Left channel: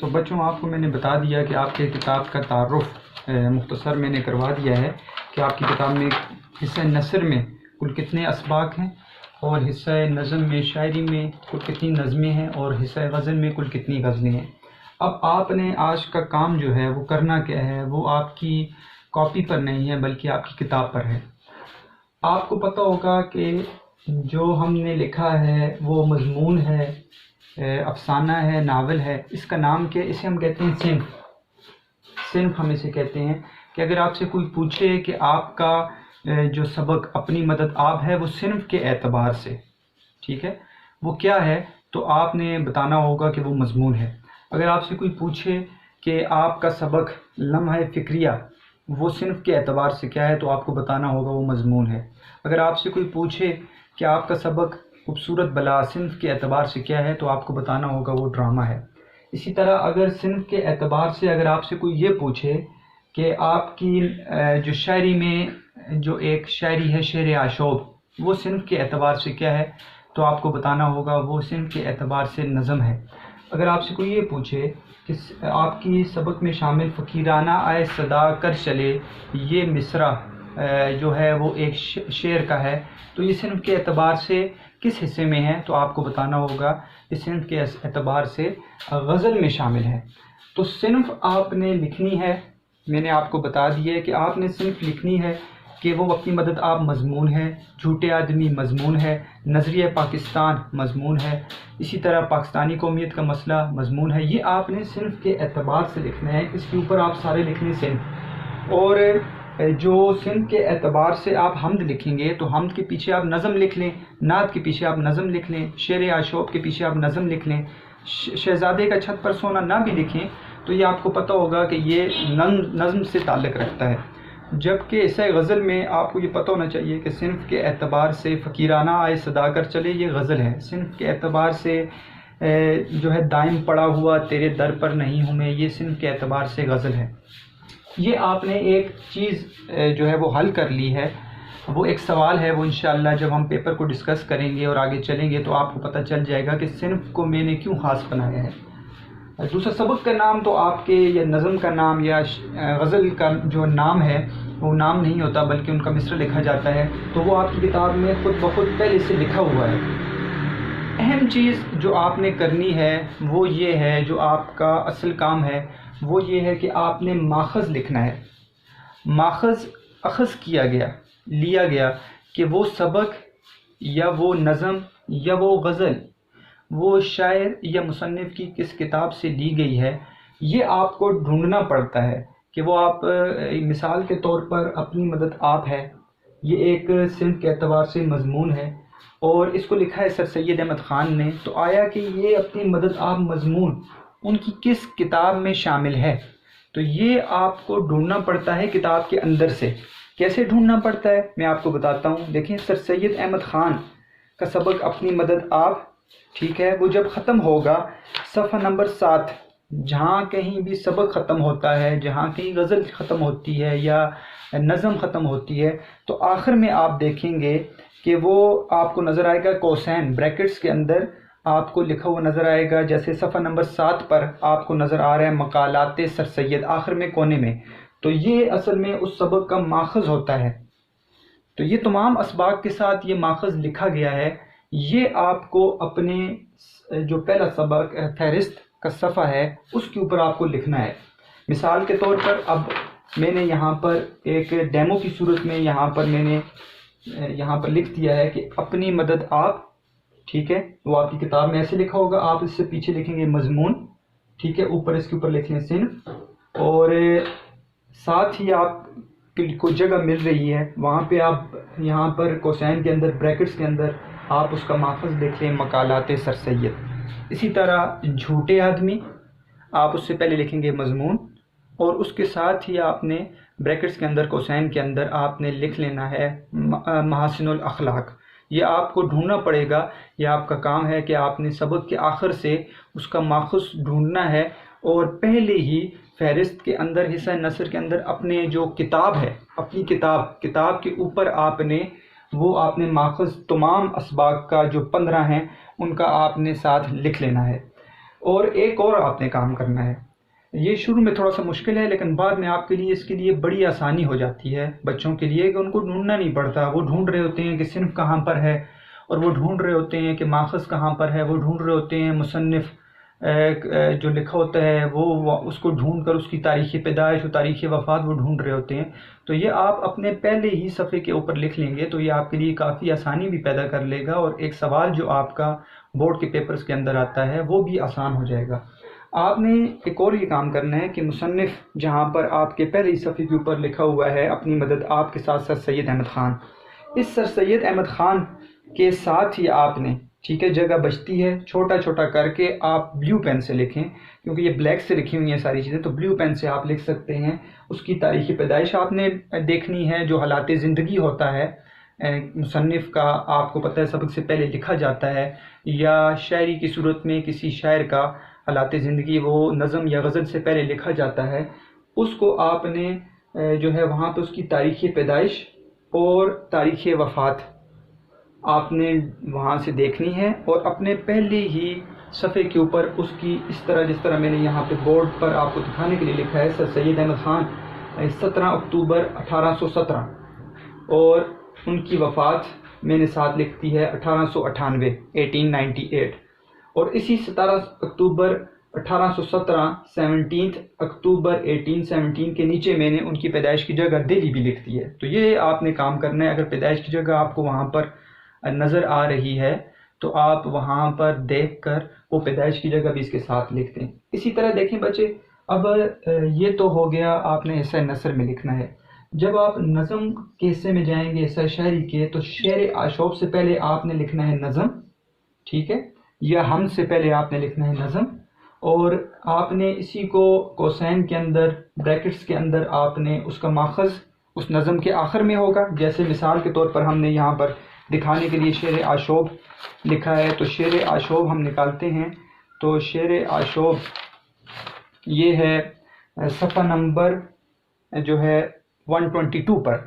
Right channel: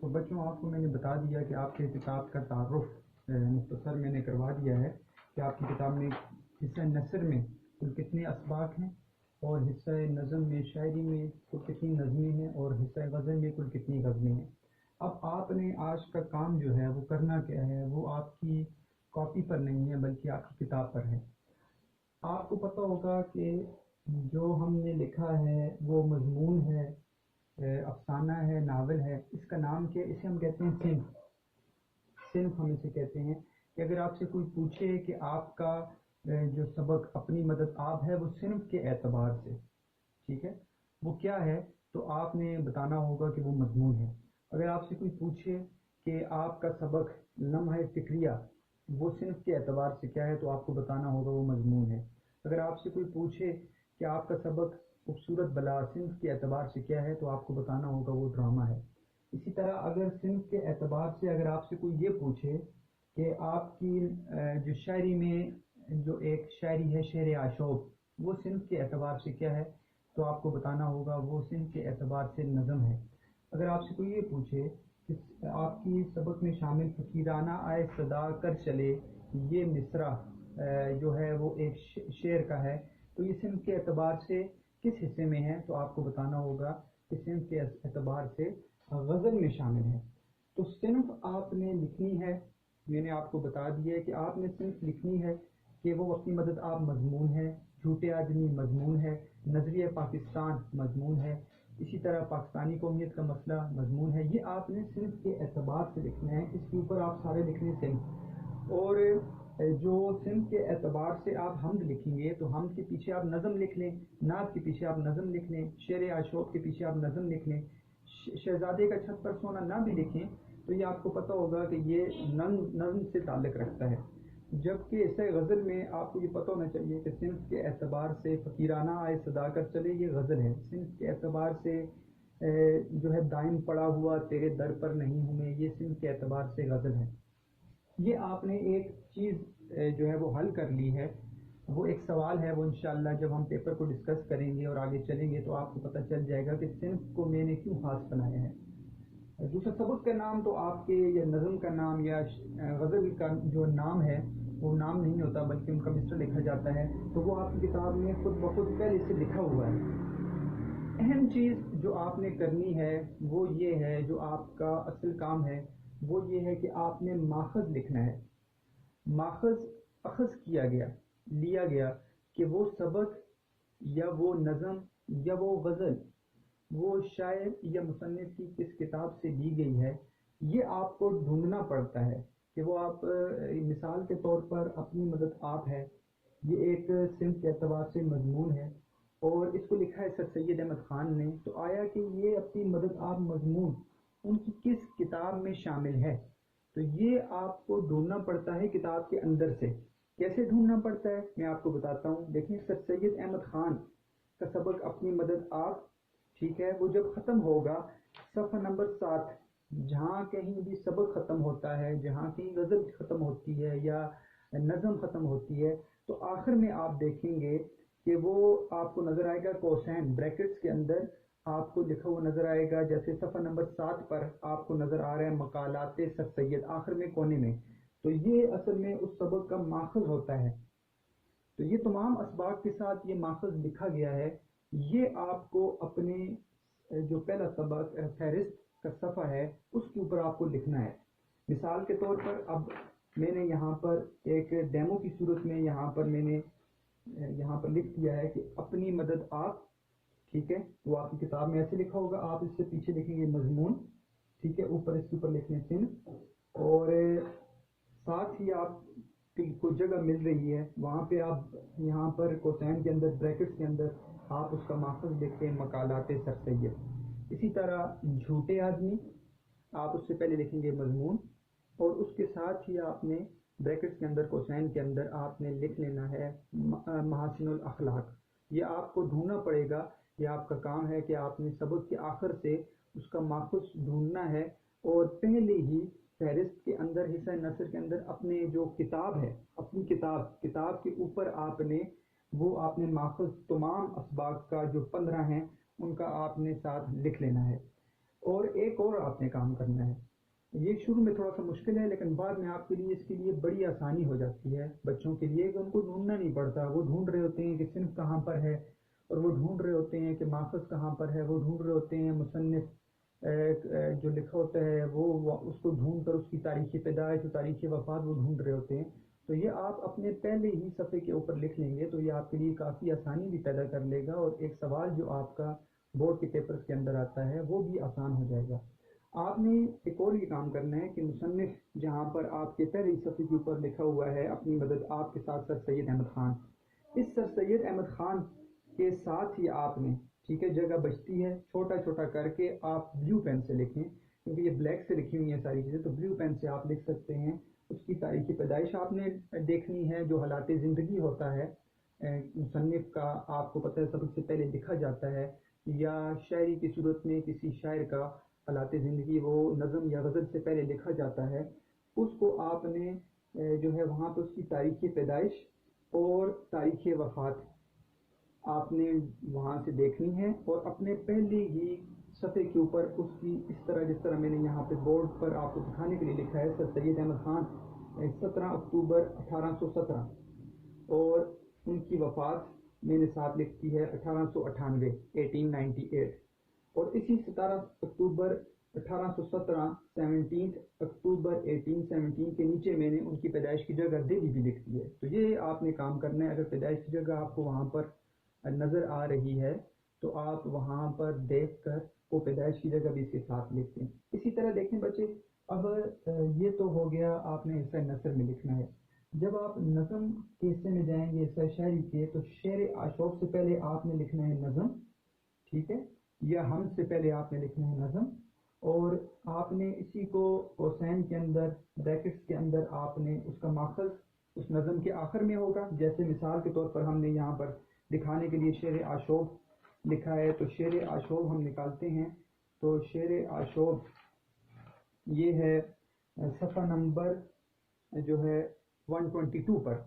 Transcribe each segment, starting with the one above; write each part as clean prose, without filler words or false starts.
تو بچوں آپ کو میں نے بتا دیا کہ آپ کے کتاب کا تعارف مختصر میں نے کروا دیا ہے کہ آپ کی کتاب میں حصہ نثر میں کل کتنے اسباق ہیں اور حصہ نظم میں شاعری میں کل کتنی نظمیں ہیں اور حصہ غزل میں کل کتنی غزلیں ہیں۔ اب آپ نے آج کا کام جو ہے وہ کرنا کیا ہے، وہ آپ کی کاپی پر نہیں ہے بلکہ آپ کی کتاب پر ہے۔ آپ کو پتہ ہوگا کہ جو ہم نے لکھا ہے وہ مضمون ہے، افسانہ ہے، ناول ہے، اس کا نام کیا ہے؟ اسے ہم کہتے ہیں صنف ہم اسے کہتے ہیں کہ اگر آپ سے کوئی پوچھے کہ آپ کا جو سبق اپنی مدد آپ ہے وہ صنف کے اعتبار سے، ٹھیک ہے، وہ کیا ہے، تو آپ نے بتانا ہوگا کہ وہ مضمون ہے۔ اگر آپ سے کوئی پوچھے کہ آپ کا سبق لمحہ فکریہ وہ صنف کے اعتبار سے کیا ہے، تو آپ کو بتانا ہوگا وہ مضمون ہے۔ اگر آپ سے کوئی پوچھے کہ آپ کا سبق خوبصورت بلا صنف کے اعتبار سے کیا ہے، تو آپ کو بتانا ہوگا وہ ڈرامہ ہے۔ اسی طرح اگر صنف کے اعتبار سے اگر آپ سے کوئی یہ پوچھے کہ آپ کی جو شاعری میں جو ایک شاعری ہے شعر آشوب وہ صنف کے اعتبار سے کیا ہے، تو آپ کو بتانا ہوگا وہ صنف کے اعتبار سے نظم ہے۔ اگر آپ سے کوئی یہ پوچھے کہ آپ کی سبق میں شامل فقیرانہ آئے صدا کر چلے یہ مصرع جو ہے وہ ایک شعر کا ہے، تو یہ صنف کے اعتبار سے کس حصے میں ہے، تو آپ کو بتانا ہوگا اس صنف کے اعتبار سے غزل میں شامل ہے۔ تو صنف آپ نے لکھنی ہے، میں نے آپ کو بتا دیا ہے کہ آپ نے صنف لکھنی ہے کہ وہ اپنی مدد آپ مضمون ہے، جھوٹے آدمی مضمون ہے، نظریہ پاکستان مضمون ہے، اسی طرح پاکستانی قومیت کا مسئلہ مضمون ہے۔ یہ آپ نے صنف کے اعتبار سے لکھنا ہے، اس کے اوپر آپ سارے لکھیں صنف۔ اور جو صنف کے اعتبار سے آپ حمد لکھیں گے تو حمد کے پیچھے آپ نظم لکھ لیں، نعت کے پیچھے آپ نظم لکھ لیں، شعر عاشوب کے پیچھے آپ نظم لکھ لیں، شہزادے کا چھت پر سونا نہ بھی لکھیں تو یہ آپ کو پتہ ہوگا کہ یہ نظم سے تعلق رکھتا ہے۔ جبکہ اسے غزل میں آپ کو یہ پتہ ہونا چاہیے کہ صنف کے اعتبار سے فقیرانہ آئے صدا کر چلے یہ غزل ہے، صنف کے اعتبار سے جو ہے دائم پڑا ہوا تیرے در پر نہیں ہوں میں، یہ صنف کے اعتبار سے غزل ہے۔ یہ آپ نے ایک چیز جو ہے وہ حل کر لی ہے، وہ ایک سوال ہے، وہ انشاءاللہ جب ہم پیپر کو ڈسکس کریں گے اور آگے چلیں گے تو آپ کو پتہ چل جائے گا کہ صنف کو میں نے کیوں خاص بنایا ہے۔ دوسرا سبق کا نام تو آپ کے یا نظم کا نام یا غزل کا جو نام ہے وہ نام نہیں ہوتا بلکہ ان کا مصرع لکھا جاتا ہے، تو وہ آپ کی کتاب میں خود بخود پہلے سے لکھا ہوا ہے۔ اہم چیز جو آپ نے کرنی ہے وہ یہ ہے، جو آپ کا اصل کام ہے وہ یہ ہے کہ آپ نے ماخذ لکھنا ہے۔ ماخذ اخذ کیا گیا، لیا گیا کہ وہ سبق یا وہ نظم یا وہ غزل وہ شاعر یا مصنف کی کس کتاب سے لی گئی ہے، یہ آپ کو ڈھونڈنا پڑتا ہے کہ وہ آپ مثال کے طور پر اپنی مدد آپ ہے، یہ ایک صنف کے اعتبار سے مضمون ہے اور اس کو لکھا ہے سر سید احمد خان نے، تو آیا کہ یہ اپنی مدد آپ مضمون ان کی کس کتاب میں شامل ہے، تو یہ آپ کو ڈھونڈنا پڑتا ہے کتاب کے اندر سے۔ کیسے ڈھونڈنا پڑتا ہے میں آپ کو بتاتا ہوں۔ دیکھیں سر سید احمد خان کا سبق اپنی مدد آپ، ٹھیک ہے، وہ جب ختم ہوگا صفحہ نمبر 7، جہاں کہیں بھی سبق ختم ہوتا ہے، جہاں کہیں غزل ختم ہوتی ہے یا نظم ختم ہوتی ہے، تو آخر میں آپ دیکھیں گے کہ وہ آپ کو نظر آئے گا کوسین بریکٹس کے اندر آپ کو لکھا ہوا نظر آئے گا، جیسے صفحہ نمبر 7 پر آپ کو نظر آ رہا ہے مقالات سر سید آخر میں کونے میں، تو یہ اصل میں اس سبق کا ماخذ ہوتا ہے۔ تو یہ تمام اسباق کے ساتھ یہ ماخذ لکھا گیا ہے، یہ آپ کو اپنے جو پہلا سبق فہرست کا صفحہ ہے اس کے اوپر آپ کو لکھنا ہے۔ مثال کے طور پر اب میں نے یہاں پر ایک ڈیمو کی صورت میں یہاں پر لکھ دیا ہے کہ اپنی مدد آپ، ٹھیک ہے، وہ آپ کی کتاب میں ایسے لکھا ہوگا، آپ اس سے پیچھے لکھیں گے مضمون، ٹھیک ہے، اوپر اس کے اوپر لکھ لیں صنف، اور ساتھ ہی آپ کو جگہ مل رہی ہے وہاں پہ آپ یہاں پر کوسین کے اندر بریکٹس کے اندر آپ اس کا ماخذ لکھ لیں مقالات سر سید۔ اسی طرح جھوٹے آدمی آپ اس سے پہلے لکھیں گے مضمون، اور اس کے ساتھ ہی آپ نے بریکٹس کے اندر کوسین کے اندر آپ نے لکھ لینا ہے محاسن الاخلاق۔ یہ آپ کو ڈھونڈنا پڑے گا، یہ آپ کا کام ہے کہ آپ نے سبق کے آخر سے اس کا ماخذ ڈھونڈنا ہے، اور پہلے ہی فہرست کے اندر حصہ نثر کے اندر اپنے جو کتاب ہے، اپنی کتاب کے اوپر آپ نے ماخذ تمام اسباق کا جو 15 ہیں ان کا آپ نے ساتھ لکھ لینا ہے۔ اور ایک اور آپ نے کام کرنا ہے، یہ شروع میں تھوڑا سا مشکل ہے لیکن بعد میں آپ کے لیے اس کے لیے بڑی آسانی ہو جاتی ہے بچوں کے لیے، کہ ان کو ڈھونڈنا نہیں پڑتا، وہ ڈھونڈ رہے ہوتے ہیں کہ صنف کہاں پر ہے، اور وہ ڈھونڈ رہے ہوتے ہیں کہ ماخذ کہاں پر ہے، وہ ڈھونڈ رہے ہوتے ہیں مصنف جو لکھا ہوتا ہے وہ اس کو ڈھونڈ کر اس کی تاریخ پیدائش اور تاریخ وفات وہ ڈھونڈ رہے ہوتے ہیں۔ تو یہ آپ اپنے پہلے ہی صفحے کے اوپر لکھ لیں گے تو یہ آپ کے لیے کافی آسانی بھی پیدا کر لے گا، اور ایک سوال جو آپ کا بورڈ کے پیپرز کے اندر آتا ہے وہ بھی آسان ہو جائے گا۔ آپ نے ایک اور یہ کام کرنا ہے کہ مصنف جہاں پر آپ کے پہلے ہی صفحے کے اوپر لکھا ہوا ہے اپنی مدد آپ کے ساتھ سر سید احمد خان، اس سر سید احمد خان کے ساتھ ہی آپ نے، ٹھیک ہے، جگہ بچتی ہے، چھوٹا چھوٹا کر کے آپ بلیو پین سے لکھیں، کیونکہ یہ بلیک سے لکھی ہوئی ہیں ساری چیزیں، تو بلیو پین سے آپ لکھ سکتے ہیں۔ اس کی تاریخ پیدائش آپ نے دیکھنی ہے، جو حالات زندگی ہوتا ہے مصنف کا، آپ کو پتہ ہے سبق سے پہلے لکھا جاتا ہے، یا شاعری کی صورت میں کسی شاعر کا حالات زندگی وہ نظم یا غزل سے پہلے لکھا جاتا ہے، اس کو آپ نے جو ہے وہاں پہ اس کی تاریخ پیدائش اور تاریخ وفات آپ نے وہاں سے دیکھنی ہے، اور اپنے پہلے ہی صفحے کے اوپر اس کی اس طرح، جس طرح میں نے یہاں پہ بورڈ پر آپ کو دکھانے کے لیے لکھا ہے، سر سید احمد خان 17 اکتوبر 1817، اور ان کی وفات میں نے ساتھ لکھتی ہے 1898 1898، اور اسی 17 اکتوبر 1817 17 اکتوبر 1817 کے نیچے میں نے ان کی پیدائش کی جگہ دہلی بھی لکھ دی ہے۔ تو یہ آپ نے کام کرنا ہے، اگر پیدائش کی جگہ آپ کو وہاں پر نظر آ رہی ہے تو آپ وہاں پر دیکھ کر وہ پیدائش کی جگہ بھی اس کے ساتھ لکھ دیں۔ اسی طرح دیکھیں بچے، اب یہ تو ہو گیا آپ نے حصہ نثر میں لکھنا ہے۔ جب آپ نظم کے حصے میں جائیں گے، حصہ شاعری کے، تو شعر آشوب سے پہلے آپ نے لکھنا ہے نظم، ٹھیک ہے، یا ہم سے پہلے آپ نے لکھنا ہے نظم، اور آپ نے اسی کو کوسین کے اندر، بریکٹس کے اندر آپ نے اس کا ماخذ اس نظم کے آخر میں ہوگا۔ جیسے مثال کے طور پر ہم نے یہاں پر دکھانے کے لیے شعر آشوب لکھا ہے، تو شعر آشوب ہم نکالتے ہیں، تو شعر آشوب یہ ہے صفحہ نمبر جو ہے 122 پر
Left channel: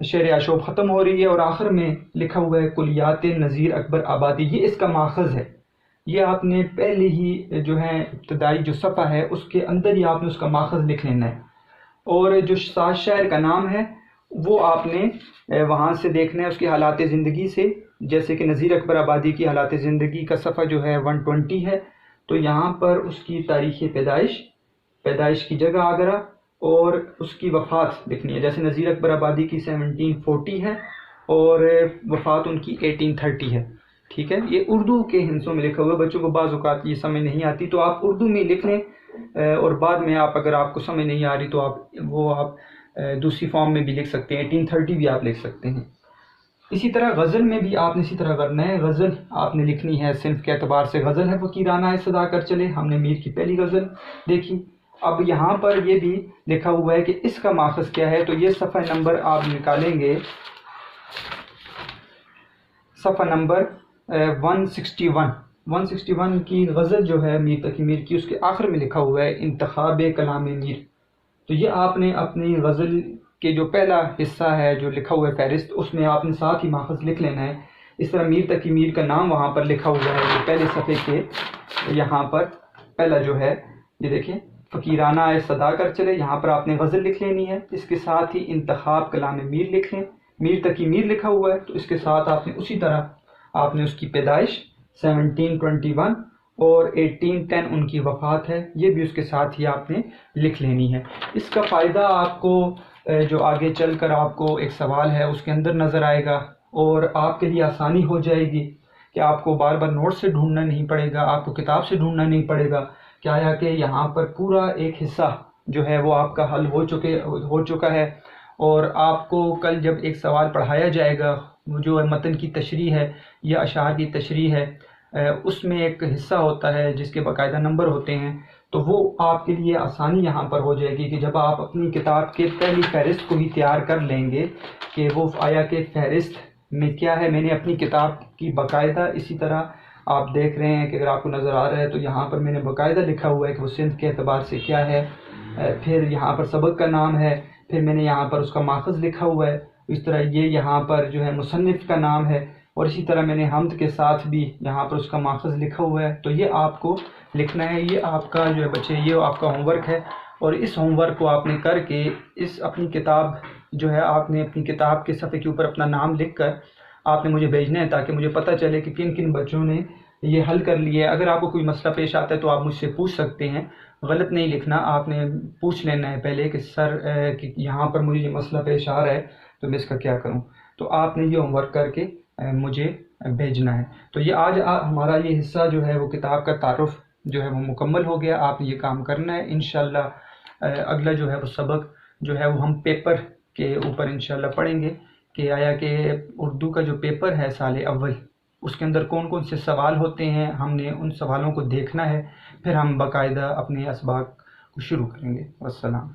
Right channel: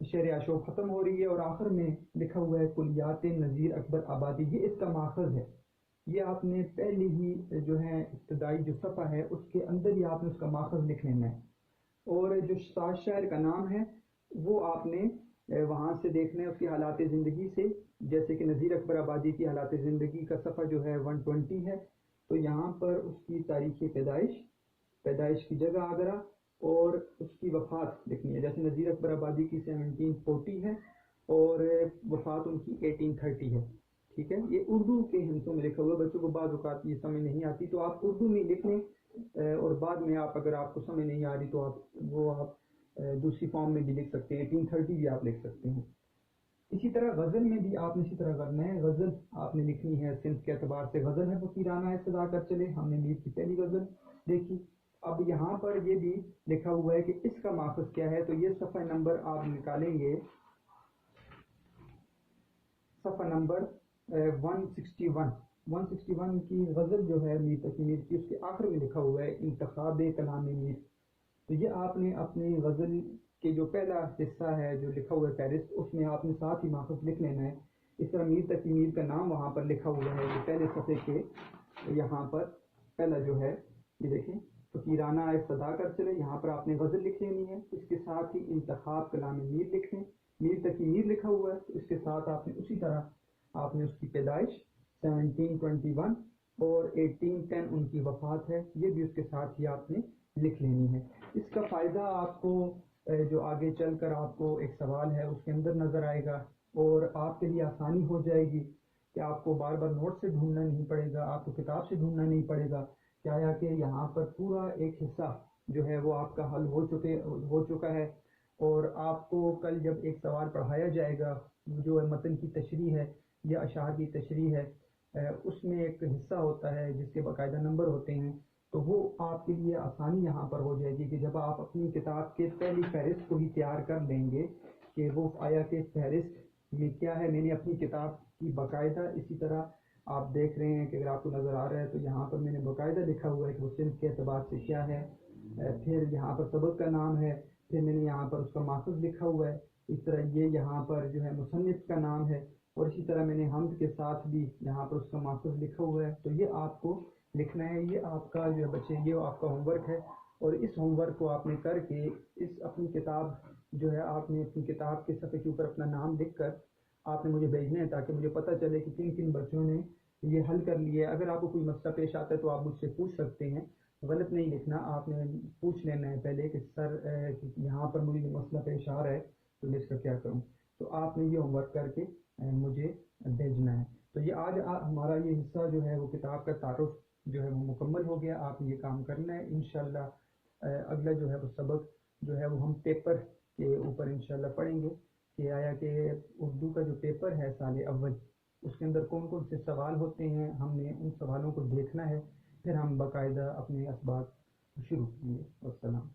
شعر آشوب ختم ہو رہی ہے، اور آخر میں لکھا ہوا ہے کلیات نذیر اکبر آبادی، یہ اس کا ماخذ ہے۔ یہ آپ نے پہلے ہی جو ہے ابتدائی جو صفحہ ہے اس کے اندر ہی آپ نے اس کا ماخذ لکھ لینا ہے، اور جو ساز شاعر کا نام ہے وہ آپ نے وہاں سے دیکھنا ہے اس کی حالات زندگی سے، جیسے کہ نذیر اکبر آبادی کی حالات زندگی کا صفحہ جو ہے 120 ہے، تو یہاں پر اس کی تاریخ پیدائش کی جگہ آگرہ، اور اس کی وفات لکھنی ہے۔ جیسے نذیر اکبر آبادی کی 1740 ہے اور وفات ان کی 1830 ہے، ٹھیک ہے۔ یہ اردو کے ہندسوں میں لکھا ہوا ہے، بچوں کو بعض اوقات یہ سمجھ نہیں آتی تو آپ اردو میں لکھ لیں، اور بعد میں اگر آپ کو سمجھ نہیں آ رہی تو آپ دوسری فارم میں بھی لکھ سکتے ہیں، 1830 بھی آپ لکھ سکتے ہیں۔ اسی طرح غزل میں بھی آپ نے اسی طرح کرنا ہے، غزل آپ نے لکھنی ہے صنف کے اعتبار سے، غزل ہے فقیرانہ ہے صدا کر چلے، ہم نے میر کی پہلی غزل دیکھی۔ اب یہاں پر یہ بھی لکھا ہوا ہے کہ اس کا ماخذ کیا ہے، تو یہ صفحہ نمبر آپ نکالیں گے، صفحہ نمبر 161 کی غزل جو ہے میر تقی میر کی، اس کے آخر میں لکھا ہوا ہے انتخاب کلام میر۔ تو یہ آپ نے اپنی غزل کے جو پہلا حصہ ہے جو لکھا ہوا ہے فہرست، اس میں آپ نے ساتھ ہی ماخذ لکھ لینا ہے۔ اس طرح میر تقی میر کا نام وہاں پر لکھا ہوا ہے، جو پہلے صفحے کے یہاں پر پہلا جو ہے، یہ دیکھیں فقیرانہ ہے صدا کر چلے، یہاں پر آپ نے غزل لکھ لینی ہے، اس کے ساتھ ہی انتخاب کلام میر لکھ لیں، میر تقی میر لکھا ہوا ہے تو اس کے ساتھ آپ نے اسی طرح آپ نے اس کی پیدائش 1721 اور 1810 ان کی وفات ہے، یہ بھی اس کے ساتھ ہی آپ نے لکھ لینی ہے۔ اس کا فائدہ آپ کو جو آگے چل کر آپ کو ایک سوال ہے اس کے اندر نظر آئے گا، اور آپ کے لیے آسانی ہو جائے گی کہ آپ کو بار بار نوٹ سے ڈھونڈنا نہیں پڑے گا، آپ کو کتاب سے ڈھونڈنا نہیں پڑے گا، کیا ہے کہ یہاں پر پورا ایک حصہ جو ہے وہ آپ کا حل ہو چکا ہے، اور آپ کو کل جب ایک سوال پڑھایا جائے گا جو متن کی تشریح ہے یا اشعار کی تشریح ہے، اس میں ایک حصہ ہوتا ہے جس کے باقاعدہ نمبر ہوتے ہیں، تو وہ آپ کے لیے آسانی یہاں پر ہو جائے گی کہ جب آپ اپنی کتاب کے پہلی فہرست کو بھی تیار کر لیں گے کہ وہ آیا کہ فہرست میں کیا ہے، میں نے اپنی کتاب کی باقاعدہ اسی طرح آپ دیکھ رہے ہیں کہ اگر آپ کو نظر آ رہا ہے تو یہاں پر میں نے باقاعدہ لکھا ہوا ہے کہ وہ صنف کے اعتبار سے کیا ہے، پھر یہاں پر سبق کا نام ہے، پھر میں نے یہاں پر اس کا ماخذ لکھا ہوا ہے، اس طرح یہ یہاں پر جو ہے مصنف کا نام ہے، اور اسی طرح میں نے حمد کے ساتھ بھی یہاں پر اس کا ماخذ لکھا ہوا ہے۔ تو یہ آپ کو لکھنا ہے. یہ آپ کا جو ہے بچے یہ آپ کا ہوم ورک ہے، اور اس ہوم ورک کو آپ نے کر کے اپنی کتاب جو ہے آپ نے اپنی کتاب کے صفحے کے اوپر اپنا نام لکھ کر آپ نے مجھے بھیجنا ہے، تاکہ مجھے پتہ چلے کہ کن کن بچوں نے یہ حل کر لیا ہے. اگر آپ کو کوئی مسئلہ پیش آتا ہے تو آپ مجھ سے پوچھ سکتے ہیں، غلط نہیں لکھنا. آپ نے پوچھ لینا ہے پہلے کہ سر کہ یہاں پر مجھے یہ مسئلہ پیش آ رہا ہے تو میں اس کا کیا کروں. تو آپ نے یہ ہوم ورک کر کے مجھے بھیجنا ہے. تو یہ آج ہمارا یہ حصہ جو ہے وہ کتاب کا تعارف جو ہے وہ مکمل ہو گیا. آپ نے یہ کام کرنا ہے. انشاءاللہ اگلا جو ہے وہ سبق جو ہے وہ ہم پیپر کے اوپر انشاءاللہ پڑھیں گے کہ آیا کہ اردو کا جو پیپر ہے سال اول، اس کے اندر کون کون سے سوال ہوتے ہیں. ہم نے ان سوالوں کو دیکھنا ہے، پھر ہم باقاعدہ اپنے اسباق کو شروع کریں گے. والسلام.